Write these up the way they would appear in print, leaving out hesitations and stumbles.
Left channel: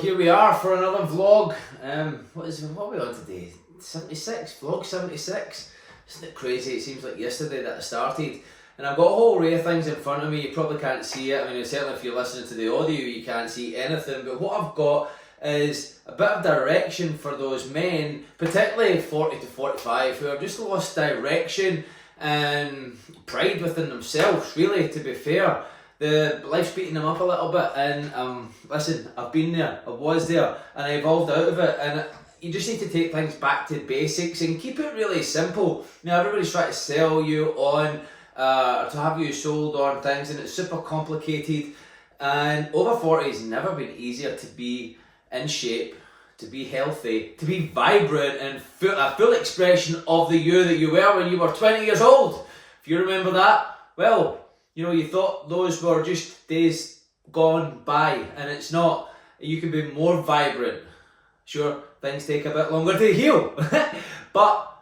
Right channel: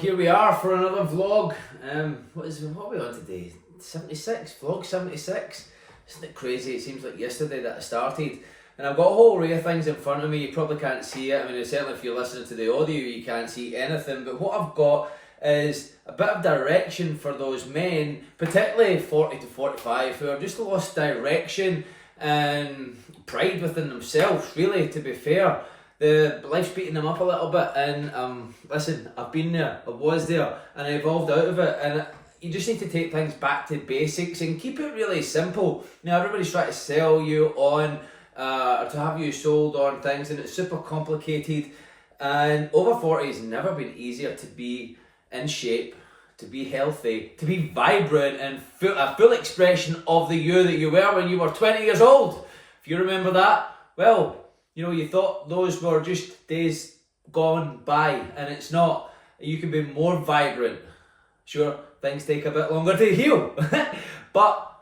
Here we are for another vlog. What are we on today? 76? Vlog 76? Isn't it crazy? It seems like yesterday that I started. And I've got a whole array of things in front of me. You probably can't see it. I mean, certainly if you're listening to the audio, you can't see anything. But what I've got is a bit of direction for those men, particularly 40 to 45, who have just lost direction and pride within themselves, really, to be fair. The life's beating them up a little bit, and listen, I've been there, I was there, and I evolved out of it, and you just need to take things back to basics and keep it really simple. Now, everybody's trying to sell you on, or to have you sold on things, and it's super complicated, and over 40 has never been easier to be in shape, to be healthy, to be vibrant, and a full expression of the you that you were when you were 20 years old. If you remember that, well, you know, you thought those were just days gone by, and it's not. You can be more vibrant. Sure, things take a bit longer to heal, but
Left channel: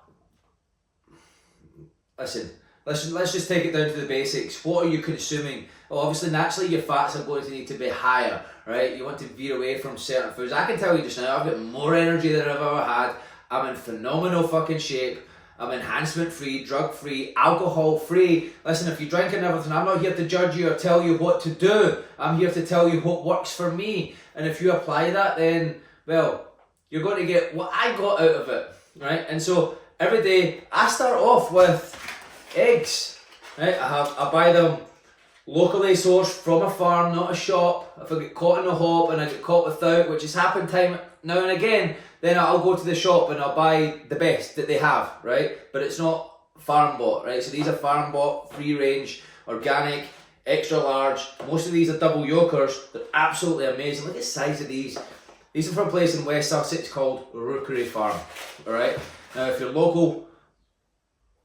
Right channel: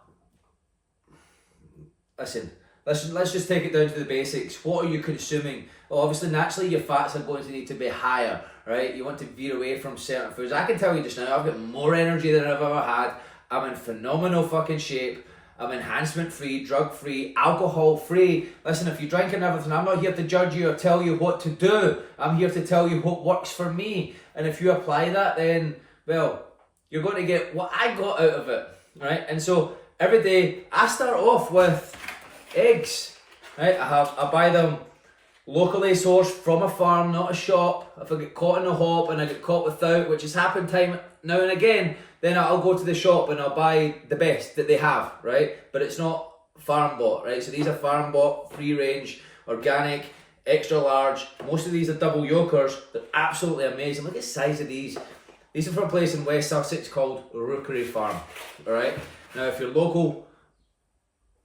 listen, let's just take it down to the basics. What are you consuming? Well, obviously, naturally, your fats are going to need to be higher, right? You want to veer away from certain foods. I can tell you just now, I've got more energy than I've ever had. I'm in phenomenal fucking shape. I'm enhancement-free, drug-free, alcohol-free. Listen, if you drink and everything, I'm not here to judge you or tell you what to do. I'm here to tell you what works for me. And if you apply that, then, well, you're going to get what I got out of it, right? And so every day, I start off with eggs, right? I buy them locally sourced from a farm, not a shop. If I get caught in the hop and I get caught without, which has happened time now and again, then I'll go to the shop and I'll buy the best that they have, right? But it's not farm bought, right? So these are farm bought, free range, organic, extra large. Most of these are double yolkers. They're absolutely amazing. Look at the size of these. These are from a place in West Sussex called Rookery Farm, all right? Now, if you're local,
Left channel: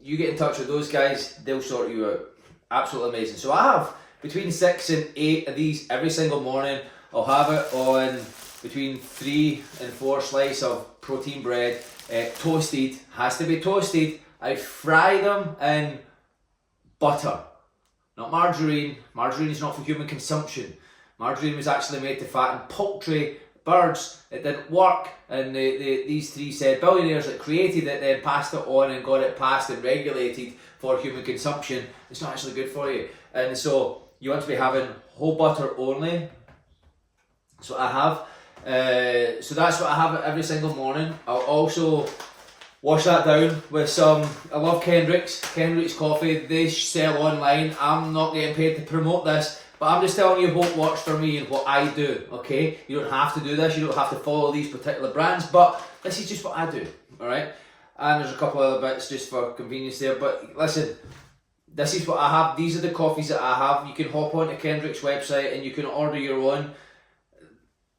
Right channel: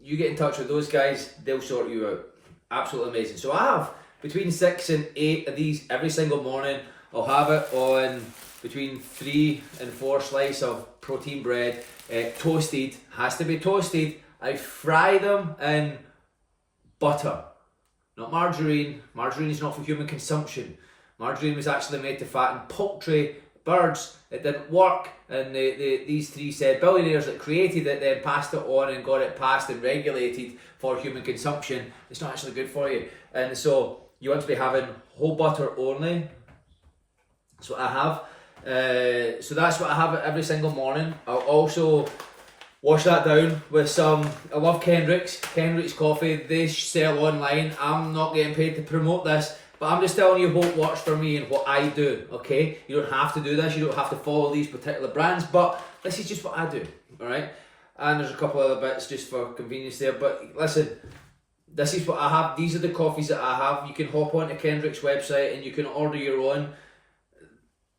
you get in touch with those guys, they'll sort you out. Absolutely amazing. So I have between 6 and 8 of these every single morning. I'll have it on between 3 and 4 slices of protein bread, toasted, has to be toasted. I fry them in butter, not margarine. Margarine is not for human consumption. Margarine was actually made to fatten poultry, birds. It didn't work, and these 3 said billionaires that created it then passed it on and got it passed and regulated for human consumption. It's not actually good for you, and so you want to be having whole butter only. That's what I have. So that's what I have every single morning. I'll also wash that down with some, I love Kendrick's coffee. They sell online. I'm not getting paid to promote this, but I'm just telling you what works for me and what I do, okay? You don't have to do this, you don't have to follow these particular brands, but this is just what I do, all right? And there's a couple other bits just for convenience there, but listen, this is what I have. These are the coffees that I have. You can hop onto Kendrick's website and you can order your own.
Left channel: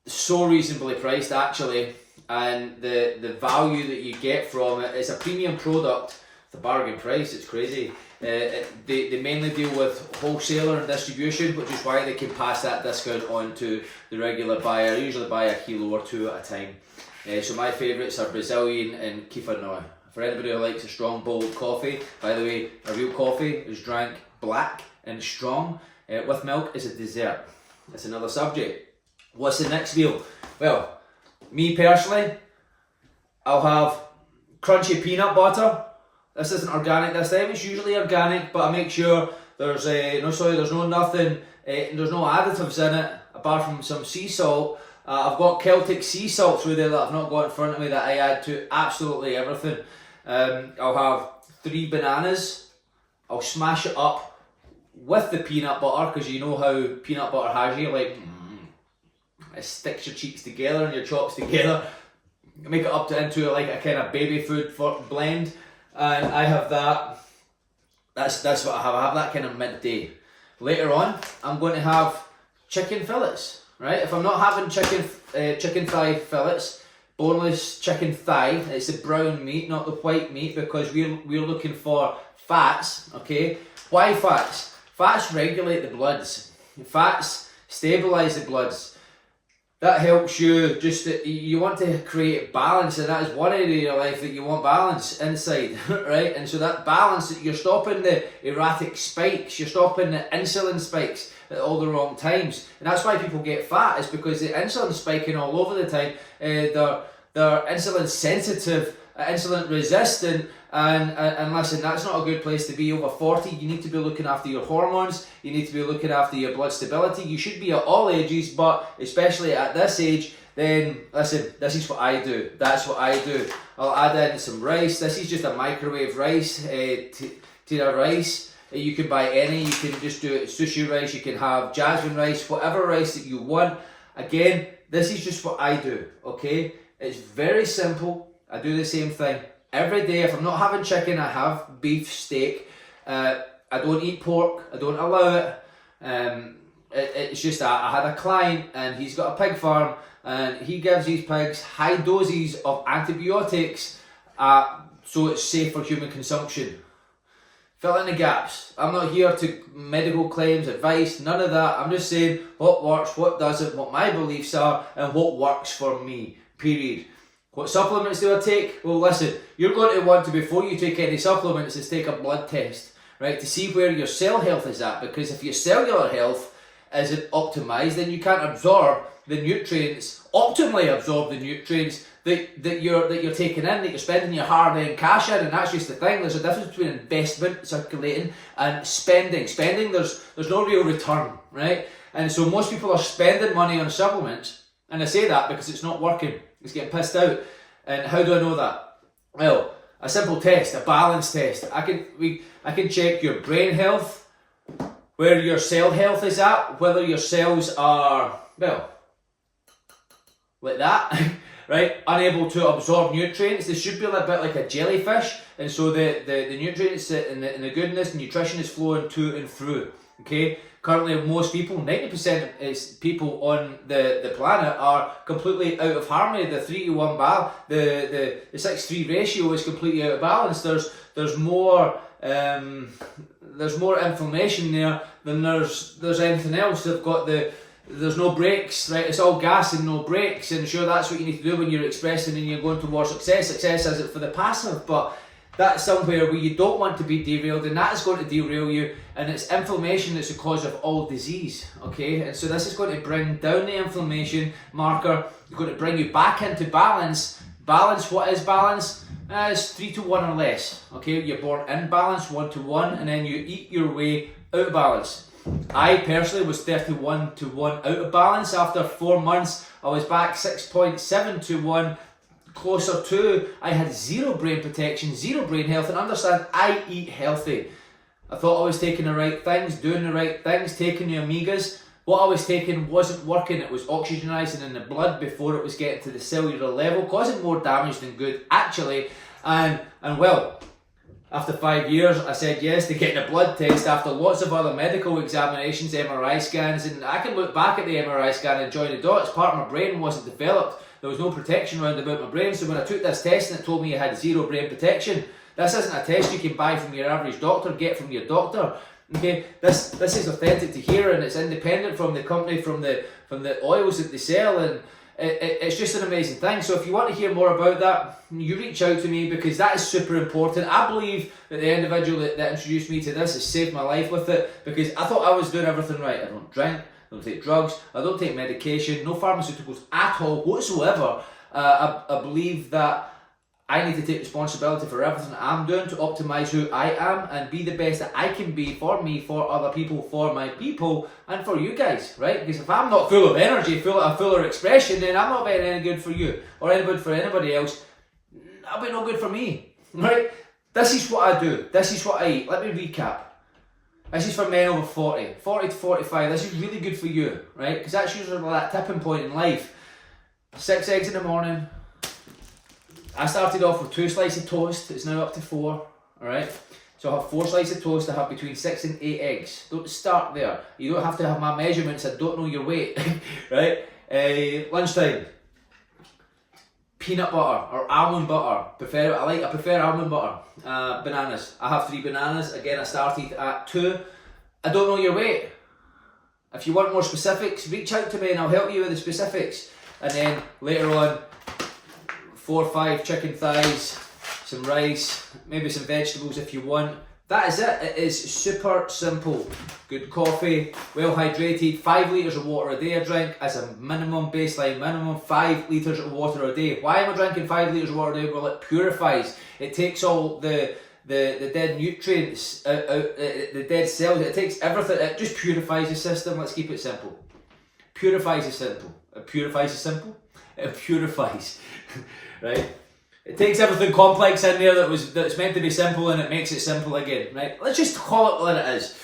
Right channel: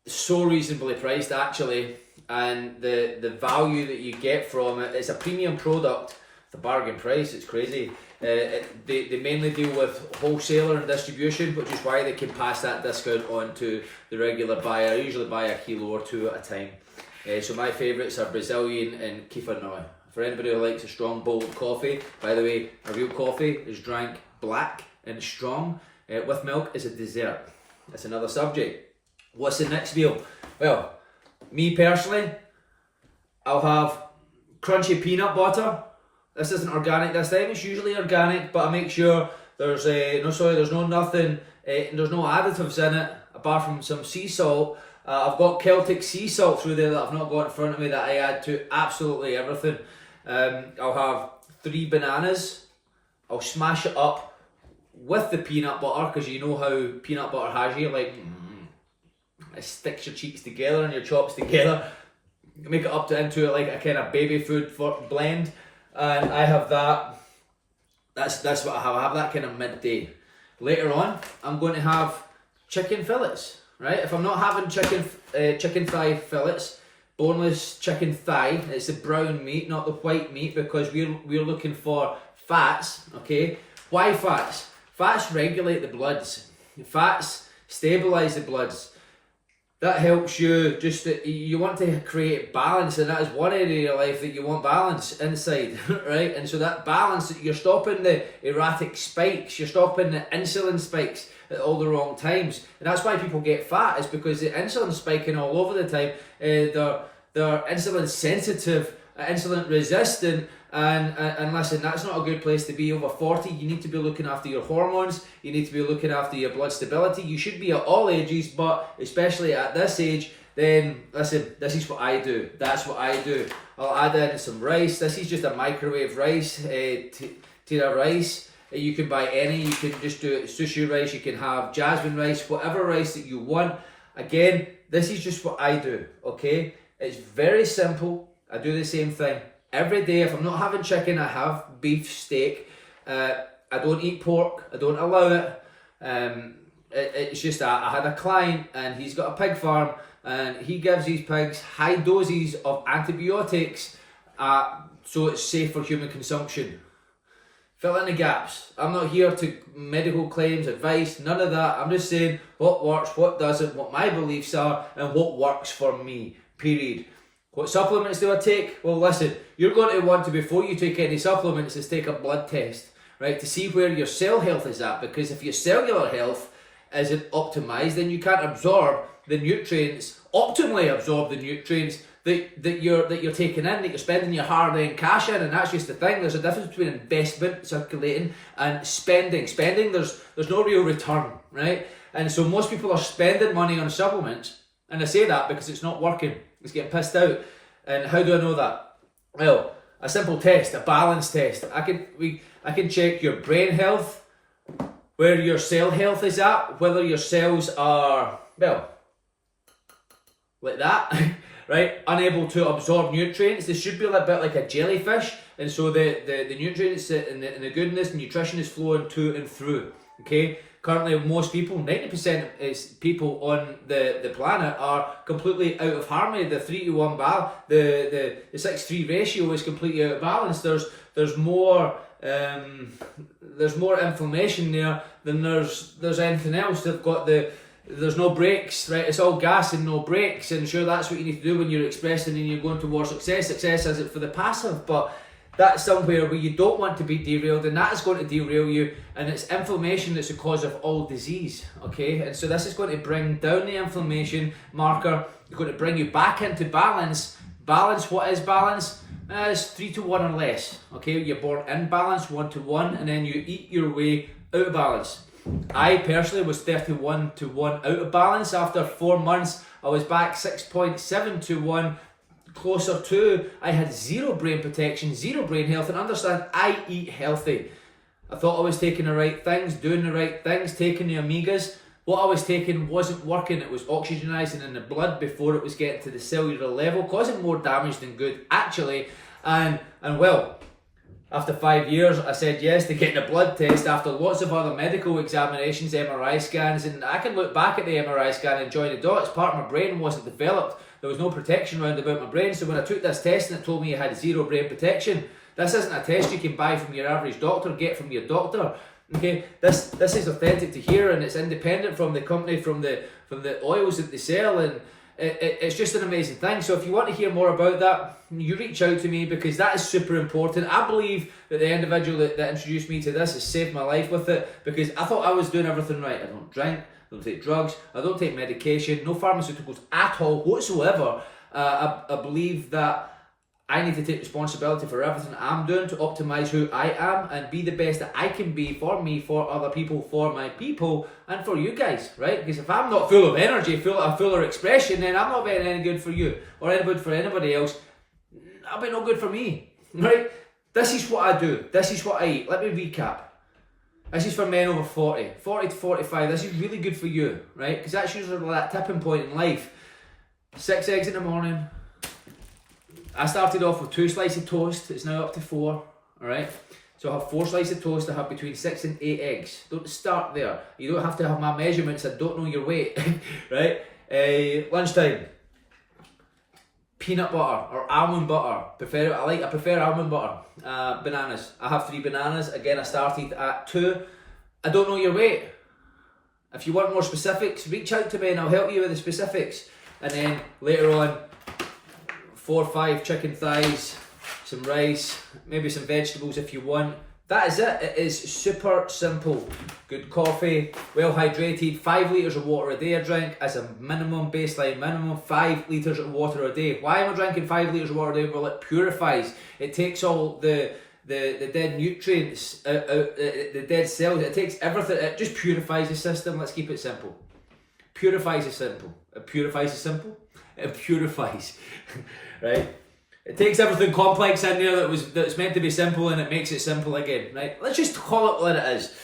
So reasonably priced actually, and the value that you get from it is a premium product. The bargain price, it's crazy. They mainly deal with wholesaler and distribution, which is why they can pass that discount on to the regular buyer. I usually buy a kilo or 2 at a time. So my favourites are Brazilian and Kefir. For anybody who likes a strong, bold coffee, by the way, a real coffee is drank black and strong. With milk is a dessert. That's another subject. What's the next meal? Well, me personally, I'll have crunchy peanut butter. This isn't organic this time, it's usually organic, but I make sure there's no soy, there's no nothing, there's no additives in it, apart from some sea salt. I've got Celtic sea salt through there that I've not got in front of me that I add to absolutely everything. I'll have 3 bananas. I'll smash it up with the peanut butter, because you know how peanut butter has you, like, it sticks your cheeks together and your chops together. Make it up into like a kind of baby food blend, and I have that. That's what I have. I have that kind of midday. Later on, I'm going to have chicken fillets. Right? If I'm not having chicken thigh fillets, boneless chicken thigh, it's the brown meat, not the white meat, because we're looking for fats. Okay? Why fats? Fats regulate the bloods. Fats stabilize the bloods. that helps you you want to create balance, and that is one area of your life that you want balance inside, right? And so that balance, you're stopping the erratic spikes, you're stopping the insulin spikes at all the wrong times, and that's why people get fat, is because the insulin's spiking all over the time. They're insulin sensitive, insulin resistant, and listen, that's not a good place to be. Over 40, you need to be looking after your hormones, you need to be looking after your blood stability. You should be at all ages, but especially at this age, then listen, this is what I do, that's what I do. I'll add in some rice. This is just a microwave rice, tira rice. You can buy any, you can just do it sushi rice, you can have jasmine rice, whatever rice that you want. Again, this is just what I do, okay? It's very simple. I do the same thing every day. If I'm not having chicken, I have beef, steak. I don't eat pork, I don't allow it. It's just that I had a client and he's got a pig farm, and he gives these pigs high doses of antibiotics so it's safe for human consumption. Fill in the gaps. I'm not here to medical claims, advice, none of that. I'm just saying what works, what doesn't, what my beliefs are, and what works for me, period. What supplements do I take? Well, listen, you're going to want to, before you take any supplements, is take a blood test, right, to see where your cell health is at, because if your cellular health isn't optimized, then you can't absorb the nutrients, optimally absorb the nutrients that you're taking in, that you're spending your hard-earned cash in. And that's just the thing. There's a difference between investment, circulating, and spending. Spending, there's no real return, right? And so most people are spending money on supplements, and I say that because it's not working. It's getting pissed out. And how do I know that? Well, a simple test, a balance test. I can check your brain health, where your cell health is at, whether your cells are, well, like that, right? Unable to absorb nutrients. They should be a little bit like a jellyfish, and so the nutrients and the goodness and nutrition is flowing to and through. Okay. Currently, most people, 90% of people on the planet, are completely out of harmony. The 3-to-1 the 6-3 ratio is completely out of balance. There's more inflammation there than there's anything else. They've got there's no brakes, right? It's all gas and no brakes, and sure, that's what you need to do when you're expressing and you're going towards success. Success isn't for the passive, but that's somewhere where you don't want to be derailed, and that is going to derail you, and it's inflammation that's the cause of all disease, okay? And so this is going to bring down the inflammation marker. It's going to bring you back into balance. Balance, what is balance? It's 3-to-1 or less, okay? You're born in balance, 1-to-1, and then you eat your way out of balance. I personally was 31-to-1 out of balance. After 4 months, I was back 6.7-to-1, closer to. I had zero brain protection, zero brain health, and understand, I eat healthy. I thought I was taking the right things, doing the right things, taking the omegas. What I was taking wasn't working. It was oxygenizing in the blood before it was getting to the cellular level, causing more damage than good, actually. And well, after 5 years, I said yes to getting a blood test after lots of other medical examinations, MRI scans, and I can look back at the MRI scan and join the dots. Part of my brain wasn't developed. There was no protection around about my brain, so when I took this test and it told me I had zero brain protection, this isn't a test you can buy from your average doctor, get from your doctor. Okay, this is authentic to here, and it's independent from the company, from the oils that they sell, and it's just an amazing thing. So if you want to hear more about that, you reach out to me, because that is super important. I believe that the individual that introduced me to this has saved my life with it, because I thought I was doing everything right. I don't drink, I don't take drugs, I don't take medication, no pharmaceuticals at all whatsoever. I believe that I need to take responsibility for everything I'm doing to optimize who I am and be the best that I can be for me, for other people, for my people, and for you guys, right? Because if I'm not full of energy, full of fuller expression, then I'm not being any good for you or any good for anybody else. I'll be no good for me, right? This is what I do. This is what I eat. Let me recap. This is for men over 40 to 45. This is really good for you, right? Because that's usually that tipping point in life. 6 eggs in the morning. I started off with 2 slices of toast. It's now up to 4, alright? So I have 4 slices of toast. I have between 6 and 8 eggs. Don't start there. You don't have to have my measurements. I don't know your weight, right? Lunchtime. Peanut butter or almond butter. I prefer almond butter. Bananas. I have 3 bananas. Again, I started at 2. I don't know your weight. If you want more specifics, reach out to me and I'll help you with the specifics. And then later on, 4 or 5 chicken thighs, some rice, maybe some vegetables if you want. That is it. It is super simple. Good coffee, well hydrated, 5 litres of water a day I drink as a minimum baseline, minimum 5 litres of water a day. Why am I drinking 5 litres of water a day? Well, it purifies. It takes all the dead nutrients out, the dead cells. It takes everything. It just purifies the system. Let's keep it simple. Purifies the simple. It purifies the simple. It purifies, right? It takes everything complex in there that's meant to be simple and it makes it simple again, right? Let's just call it what it is.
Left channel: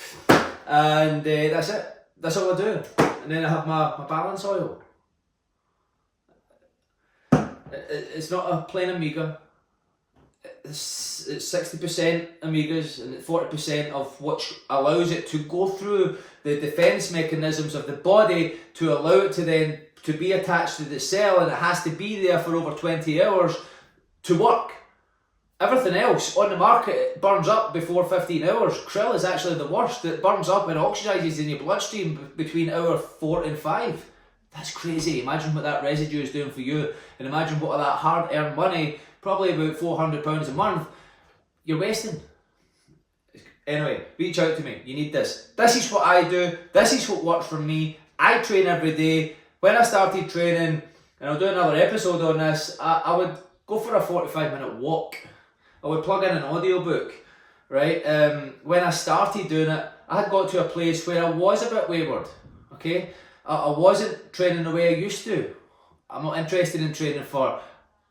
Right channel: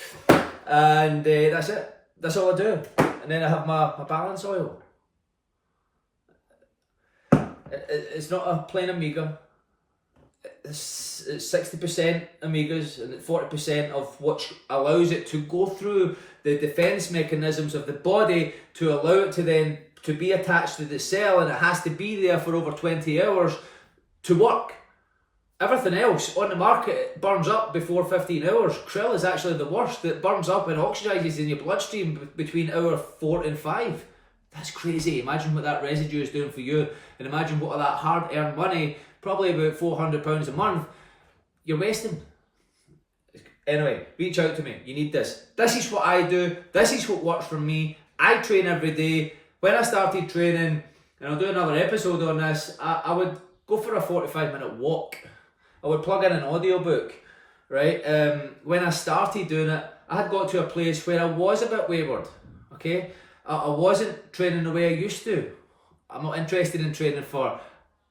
And that's it. That's all I do. And then I have my balance oil. It's not a plain omega. It's 60% omegas and 40% of which allows it to go through the defense mechanisms of the body to allow it to then to be attached to the cell, and it has to be there for over 20 hours to work. Everything else on the market burns up before 15 hours. Krill is actually the worst. It burns up and oxidizes in your bloodstream between hour 4 and 5. That's crazy. Imagine what that residue is doing for you, and imagine what that hard-earned money, probably about £400 a month, you're wasting. Anyway, reach out to me. You need this. This is what I do. This is what works for me. I train every day. When I started training, and I'll do another episode on this, I would go for a 45-minute walk. I would plug in an audiobook, right? When I started doing it, I had got to a place where I was a bit wayward, okay? I wasn't training the way I used to. I'm not interested in training for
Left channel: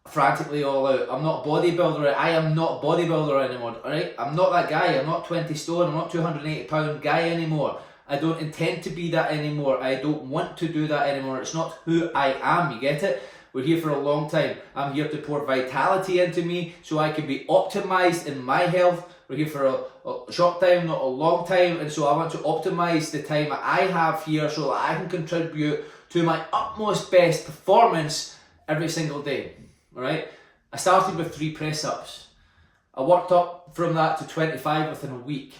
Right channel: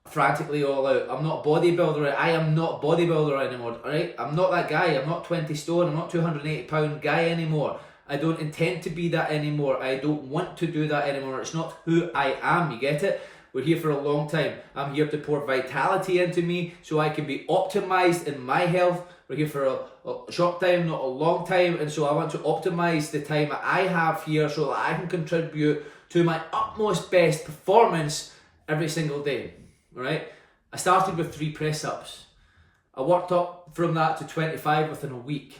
frantically all out. I'm not bodybuilder. I am not bodybuilder anymore, alright? I'm not that guy. I'm not 20 stone. I'm not 280-pound guy anymore. I don't intend to be that anymore. I don't want to do that anymore. It's not who I am, you get it? We're here for a long time. I'm here to pour vitality into me so I can be optimized in my health. We're here for a short time, not a long time, and so I want to optimize the time that I have here so that I can contribute to my utmost best performance every single day. All right? I started with 3 press-ups. I worked up from that to 25 within a week.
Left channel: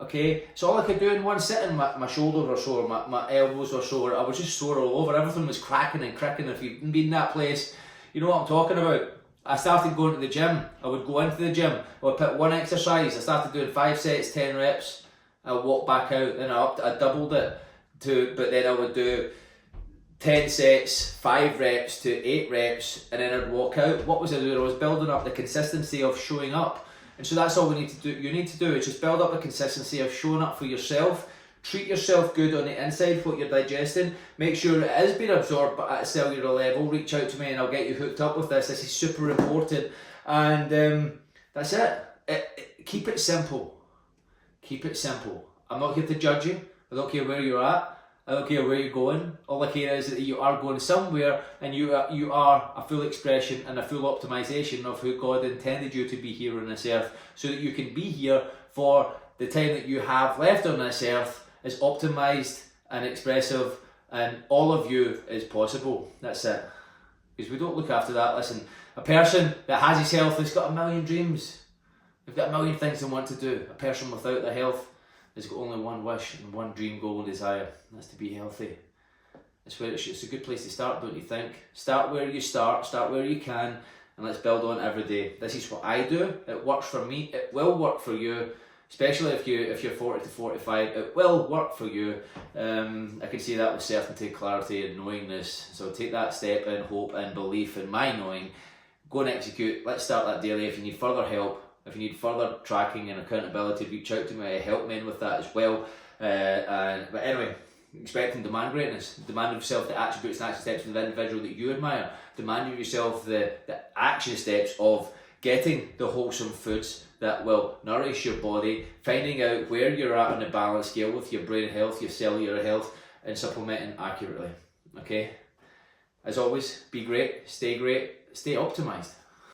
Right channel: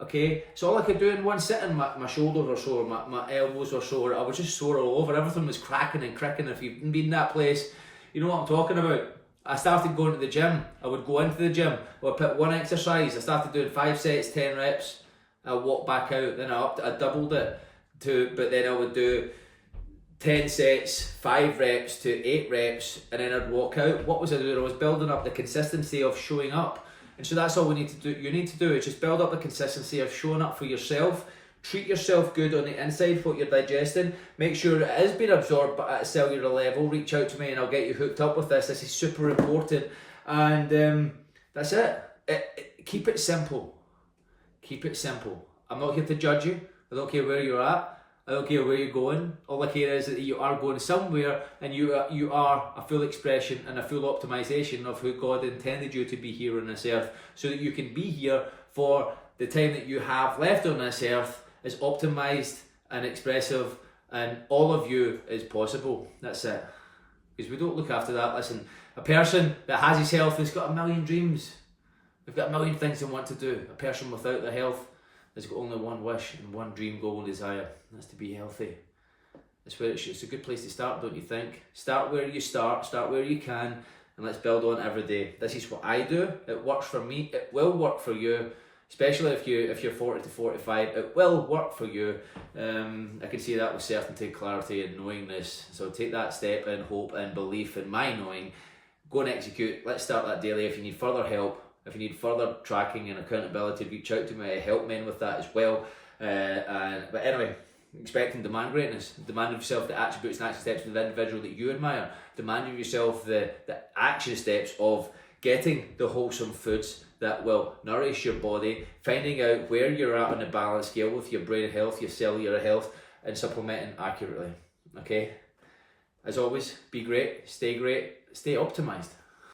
Okay, so all I could do in one sitting, my shoulders were sore, my elbows were sore, I was just sore all over, everything was cracking and cricking. If you've been in that place, you know what I'm talking about. I started going to the gym. I would go into the gym, I would put one exercise, I started doing 5 sets, 10 reps, I would walk back out, then I doubled it but then I would do 10 sets, 5 reps to 8 reps, and then I'd walk out. What was I doing? I was building up the consistency of showing up. And so that's all we need to do. You need to do is just build up the consistency of showing up for yourself. Treat yourself good on the inside, what you're digesting. Make sure it is being absorbed at a cellular level. Reach out to me and I'll get you hooked up with this. This is super important. And that's it. Keep it simple. Keep it simple. I'm not here to judge you. I don't care where you're at. I don't care where you're going. All I care is that you are going somewhere and you are a full expression and a full optimization of who God intended you to be here on this earth, so that you can be here for the time that you have left on this earth as optimized and expressive and all of you is possible. That's it. Because we don't look after that. Listen, a person that has his health has got a million dreams. They've got a million things they want to do. A person without their health has got only one wish and one dream, goal and desire, and that's to be healthy. That's where it's a good place to start, don't you think? Start where you start where you can, and let's build on every day. This is what I do. It works for me. It will work for you, especially if you're 40 to 45. It will work for you. I can see that with certainty, clarity, and knowingness. So take that step in hope and belief in my knowing. Go and execute. Let's start that daily. If you need further help, if you need further tracking and accountability, reach out to me. I help men with that as well. But anyway, expect and demand greatness. Demand of yourself the attributes and action steps of the individual that you admire. Demand of yourself the action steps of getting the wholesome foods that will nourish your body, finding out where you're at on the balance scale with your brain health, your cellular health, and supplementing accurately. Okay? As always, be great, stay optimized.